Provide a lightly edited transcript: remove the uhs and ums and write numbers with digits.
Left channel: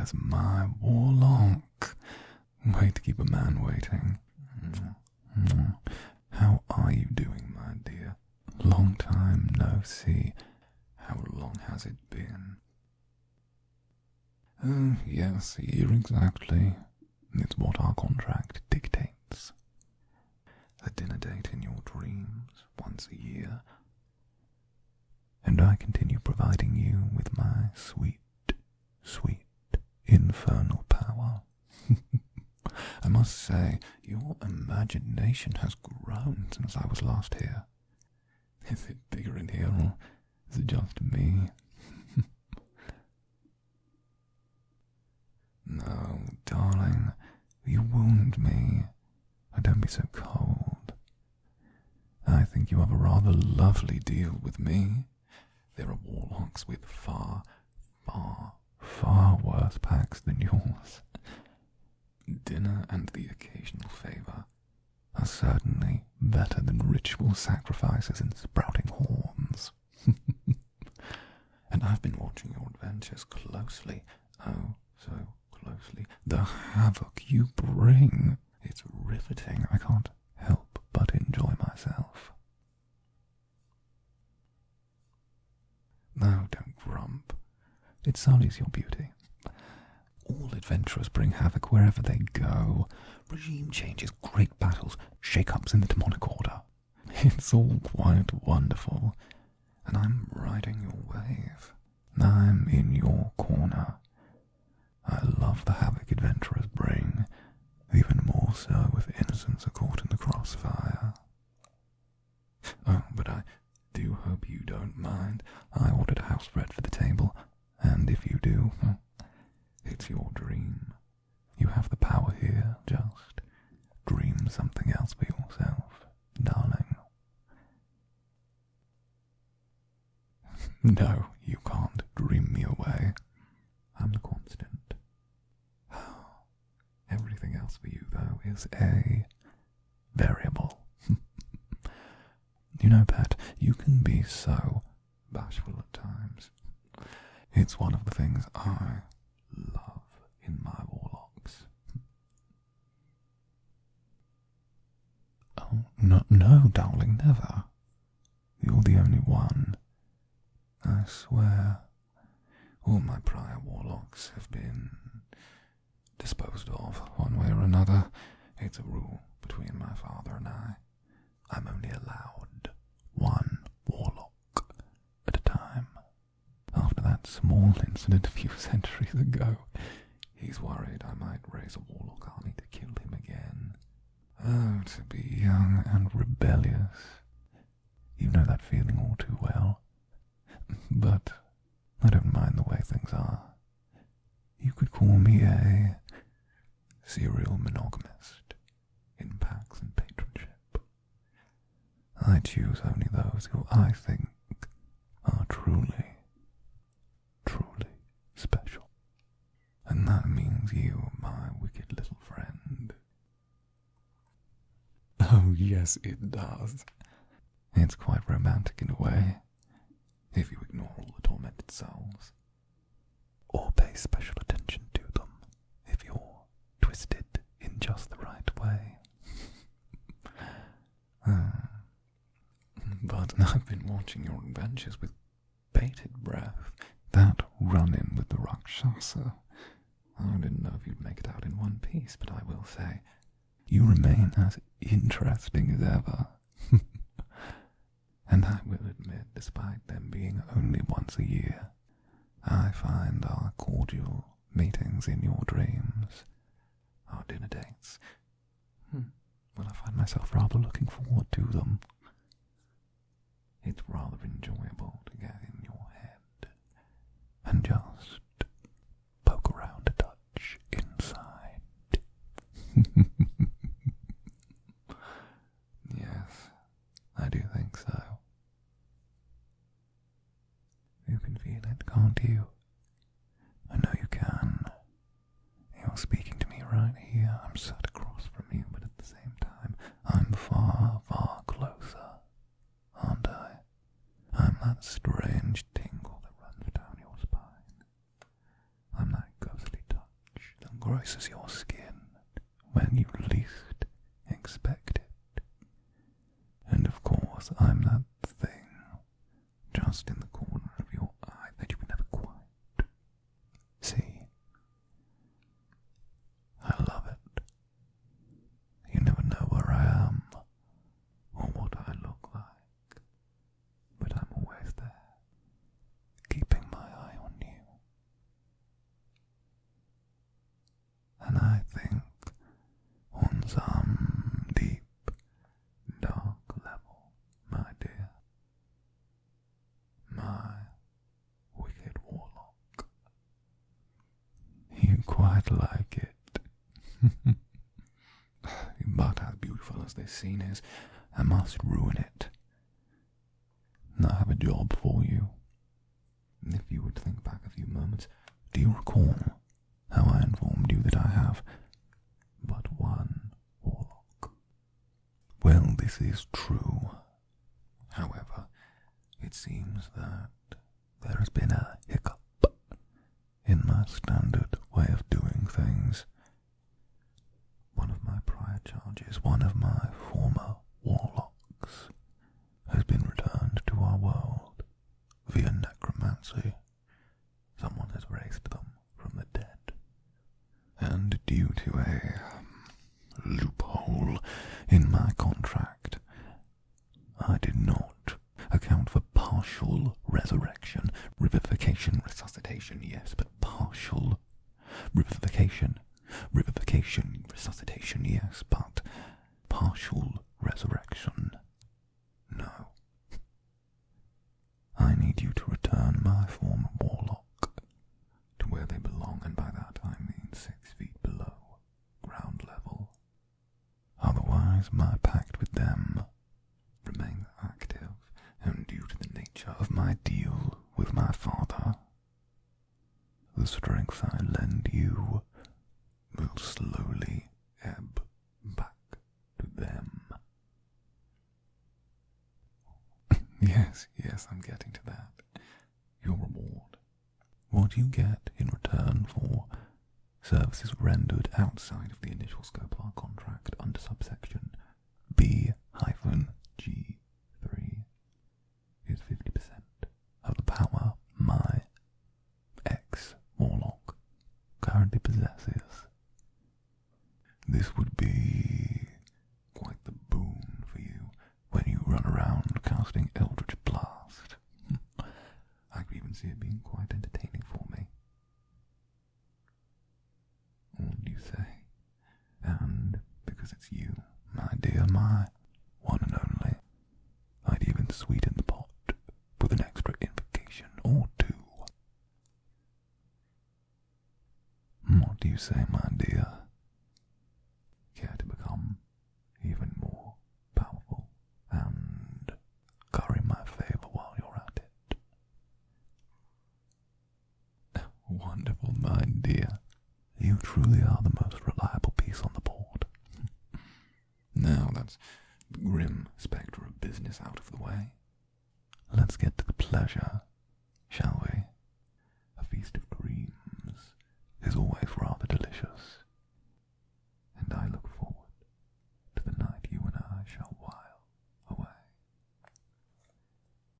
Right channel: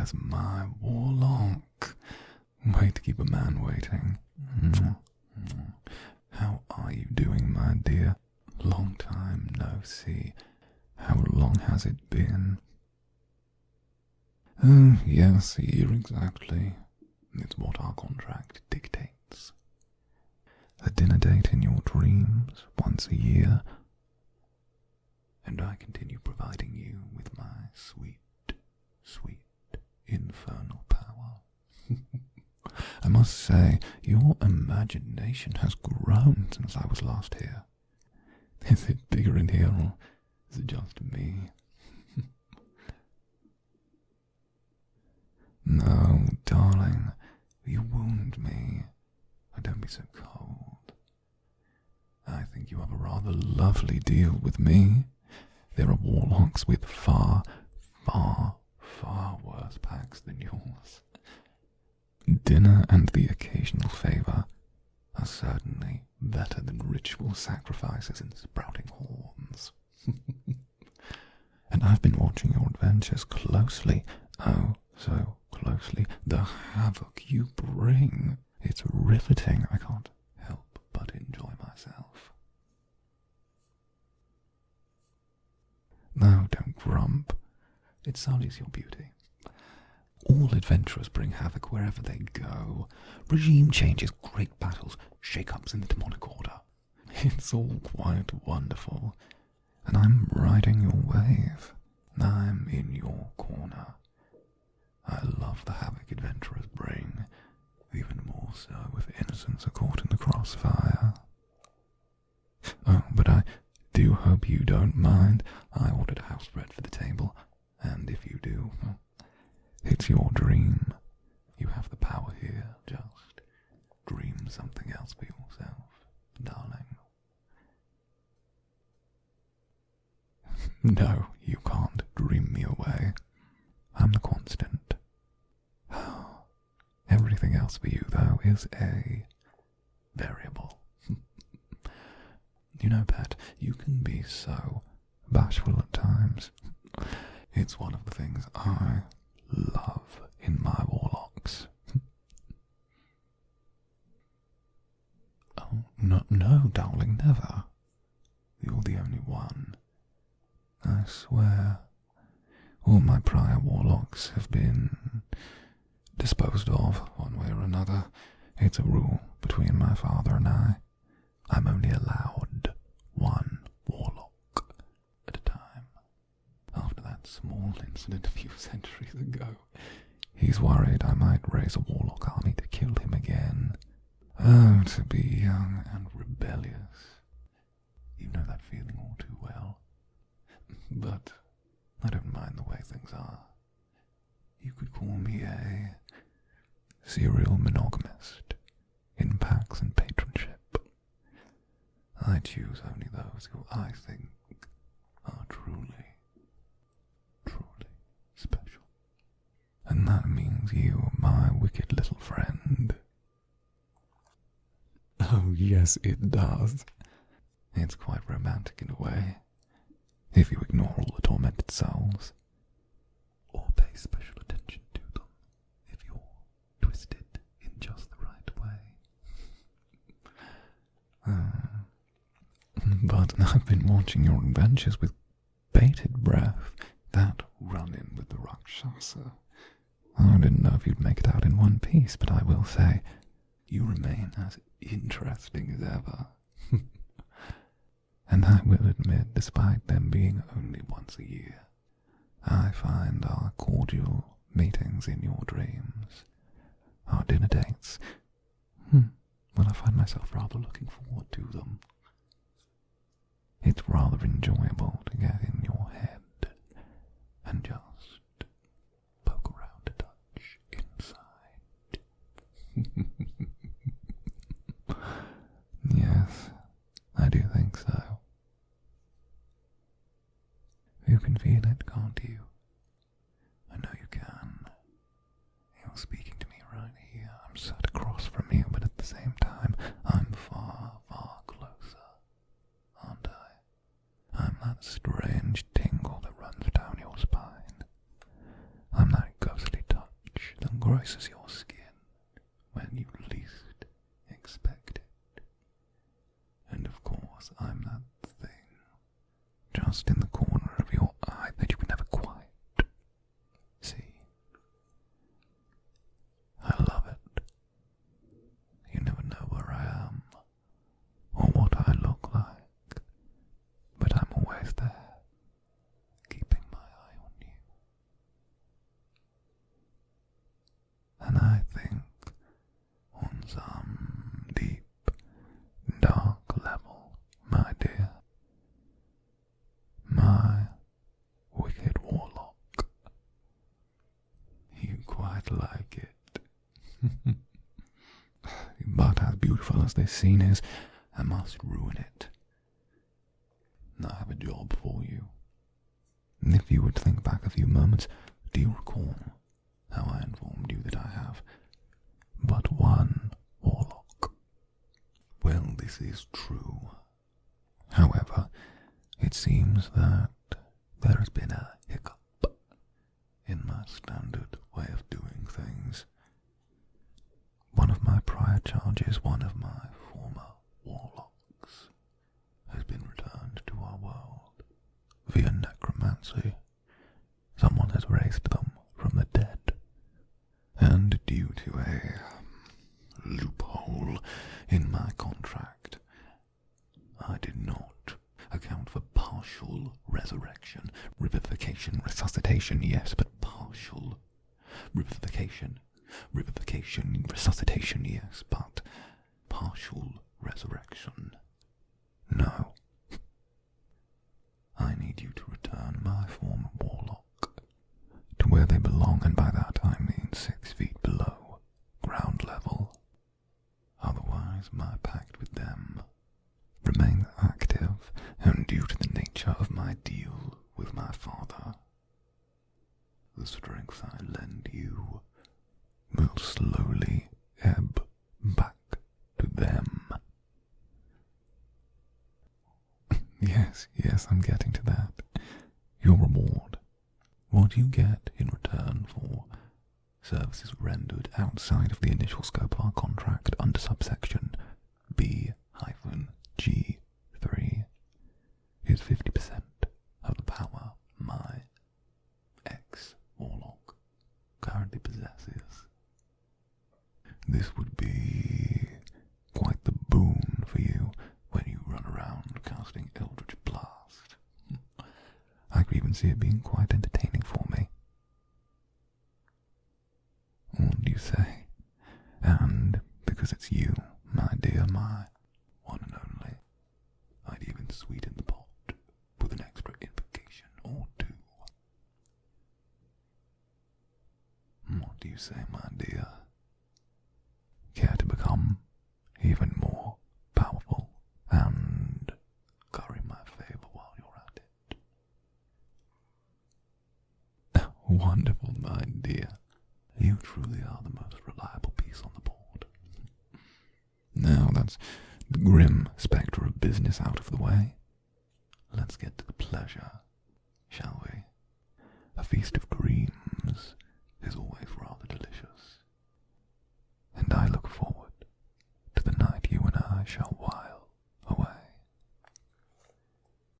there's my Warlock. Way to keep a man waiting. How are you doing, my dear? Long time no see. How long has it been? Oh, yes, a year exactly. It's what our contract dictates. A dinner date in your dreams once a year, and I continue providing you with my sweet, sweet infernal power. I must say, your imagination has grown since I was last here. Is it bigger in here, or is it just me? No, darling, you wound me. Don't be so cold. I think you have a rather lovely deal with me. There are Warlocks with far, far, far worse packs than yours. Dinner and the occasional favour are certainly better than ritual sacrifices and sprouting horns. And I've been watching your adventures closely, oh, so closely. The havoc you bring, it's riveting. I can't help but enjoy myself. No, don't grump. It sullies your beauty. All adventurers bring havoc wherever they go. Regime changes, great battles, shake-ups in the demonic order. It's all quite wonderful, and I'm riding your wave. I'm in your corner. I love the havoc adventurers bring, even more so if innocents are caught in the crossfire. Oh, but I do hope you don't mind. I ordered house bread for the table, and if you do, it's your dream. You have the power here. Just dream something else for yourself, darling. No, you can't dream me away. I'm the constant. Everything else for you, though, is a variable. You know, pet, you can be so bashful at times. It's one of the things I love in my Warlocks. Oh, no, darling, never. You're the only one. I swear. All my prior Warlocks have been disposed of one way or another. It's a rule between my father and I. I'm only allowed one Warlock at a time. After that small incident a few centuries ago, he's worried I might raise a Warlock army to kill him again. Oh, to be young and rebellious. You know that feeling all too well. But I don't mind the way things are. You could call me a serial monogamist in packs and patronship. I choose only those who I think are truly, truly special. And that means you, my wicked little friend. Oh, yes, it does. It's quite romantic in a way, if you ignore all the tormented souls, or pay special attention to them if you're twisted in just the right way. But I've been watching your adventures with bated breath. That run-in with the Rakshasa. I didn't know if you'd make it out in one piece, but I will say, you remain as interesting as ever. And I will admit, despite them being only once a year, I find our cordial meetings in your dreams, our dinner dates, well, I find myself rather looking forward to them. It's rather enjoyable to get in your head and just poke around a touch inside. Yes, I do think so. You can feel it, can't you? I know you can. You're speaking to me right here. I'm sat across from you, but at the same time, I'm far, far closer, aren't I? I'm that strange tingle that runs down your spine. I'm that ghostly touch graces your skin when you least expect it. And of course, I'm that thing just in the corner of your eye that you can never quite see. I love it. You never know where I am or what I look like, but I'm always there, keeping my eye on you. And I think on some deep, dark level, my dear, my wicked warlock, you quite like it. But as beautiful as this scene is, I must ruin it. I have a job for you. If you would think back a few moments, do you recall how I informed you that I have but one warlock? Well, this is true. However, it seems that there has been a hiccup in my standard way of doing things. One of my prior charges, one of my former warlocks, has been returned to our world via necromancy. Someone has raised them from the dead, and due to a loophole in my contract, I did not account for partial resurrection, revivification, resuscitation, yes, but partial revivification, resuscitation, yes, but partial resurrection, no. I need you to return my former warlock to where they belong, and by that I mean 6 feet below ground level. Otherwise, my pact with them remains active, and due to the nature of my deal with my father, the strength I lend you will slowly ebb back to them. Yes, I'm getting to that. Your reward. What you get in return for services rendered outside of the initial scope of our contract under subsection B-G3 is 50% of the power my ex-warlock currently possesses. This would be quite the boon for you when you run around casting Eldritch Blast. I could even see it being quite entertaining for me. What do you say? And because it's you, my dear, my one and only, I'd even sweeten the pot with an extra invocation or two. What do you say, my dear? Care to become even more powerful and curry my favour while you're at it? Wonderful, my dear. You truly are the most reliable piece on the board. Now that's the grim spectre of business out of the way. Let's get to the pleasure, shall we? A feast of dreams is always rather delicious, and I look forward to the night you and I shall